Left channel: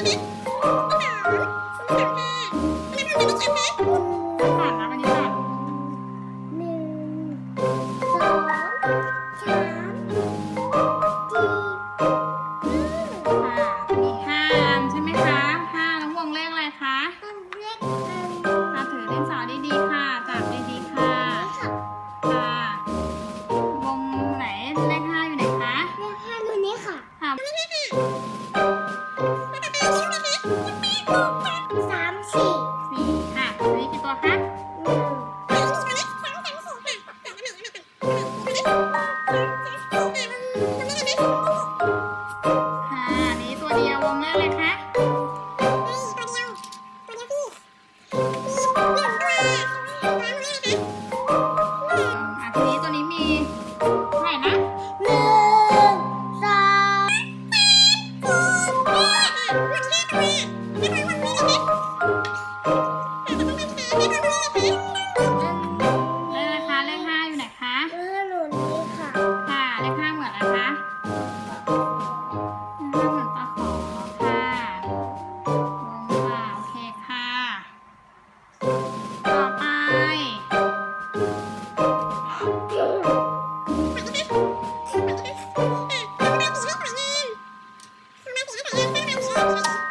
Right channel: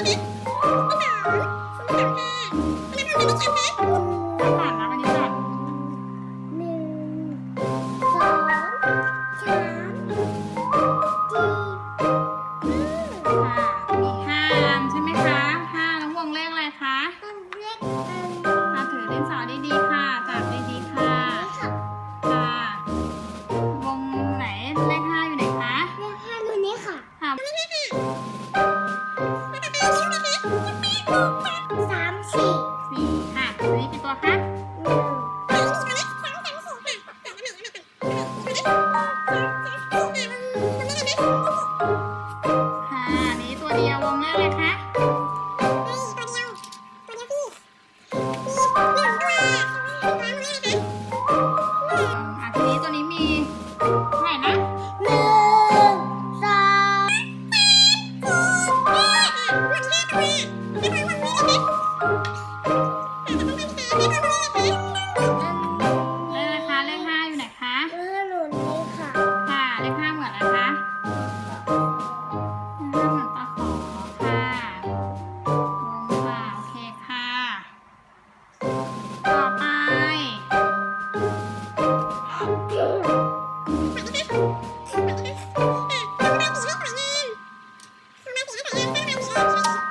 มสาห้ามันทำอะไรไม่ชัดไหม ก็ผ่านนะมันัวคะค่ะนี้ตัวเดียววงแรกเลยค่ะ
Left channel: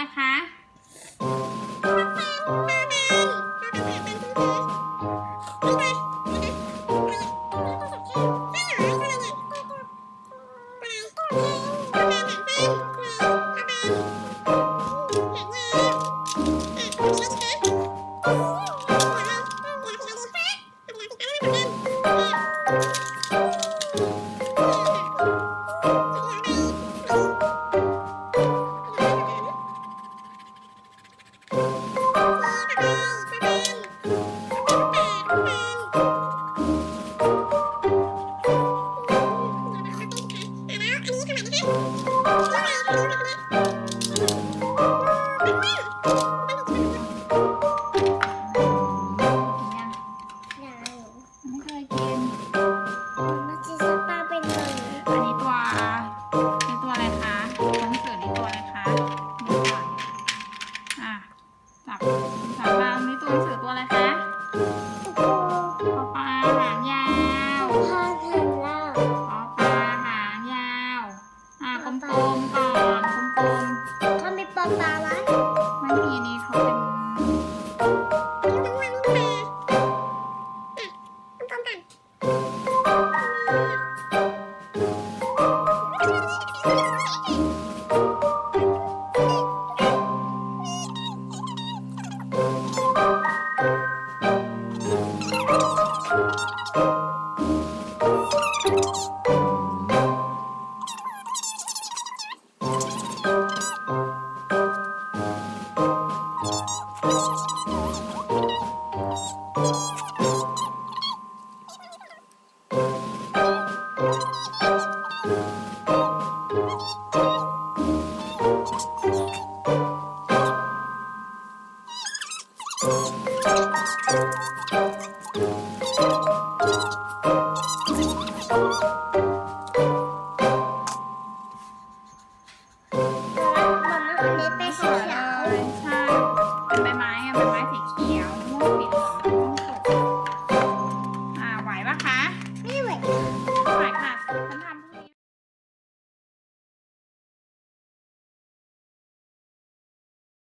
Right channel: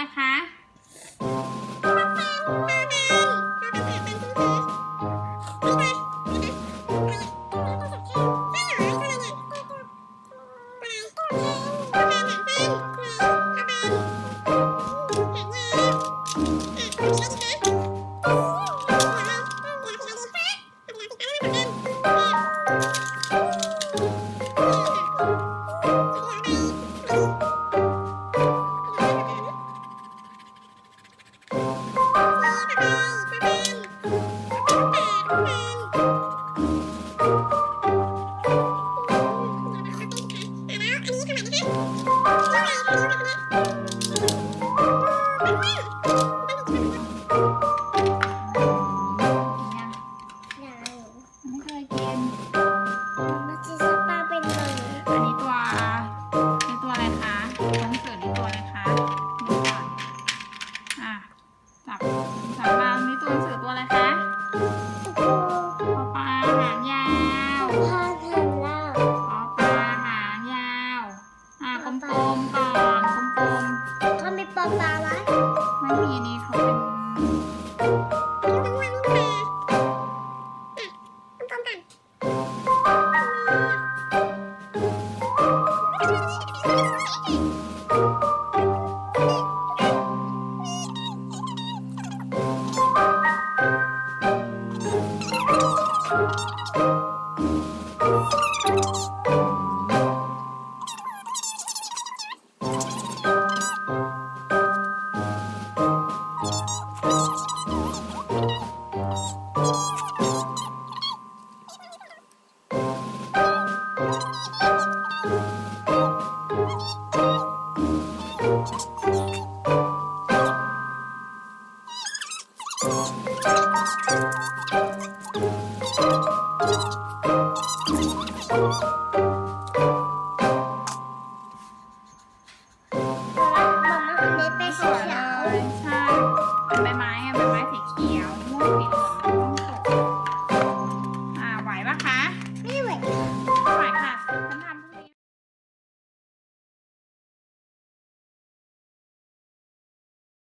นะคะ ไม่เคยกิน อันนี้ตัวนี่ตัวอะไรคะหนังสือนี่ตัวอะไรคะดูก่อนอะจับจับมาอันนี้ตัวหนังสือตัวอะไรคะ ปลาปลาไหมไม่มีนี้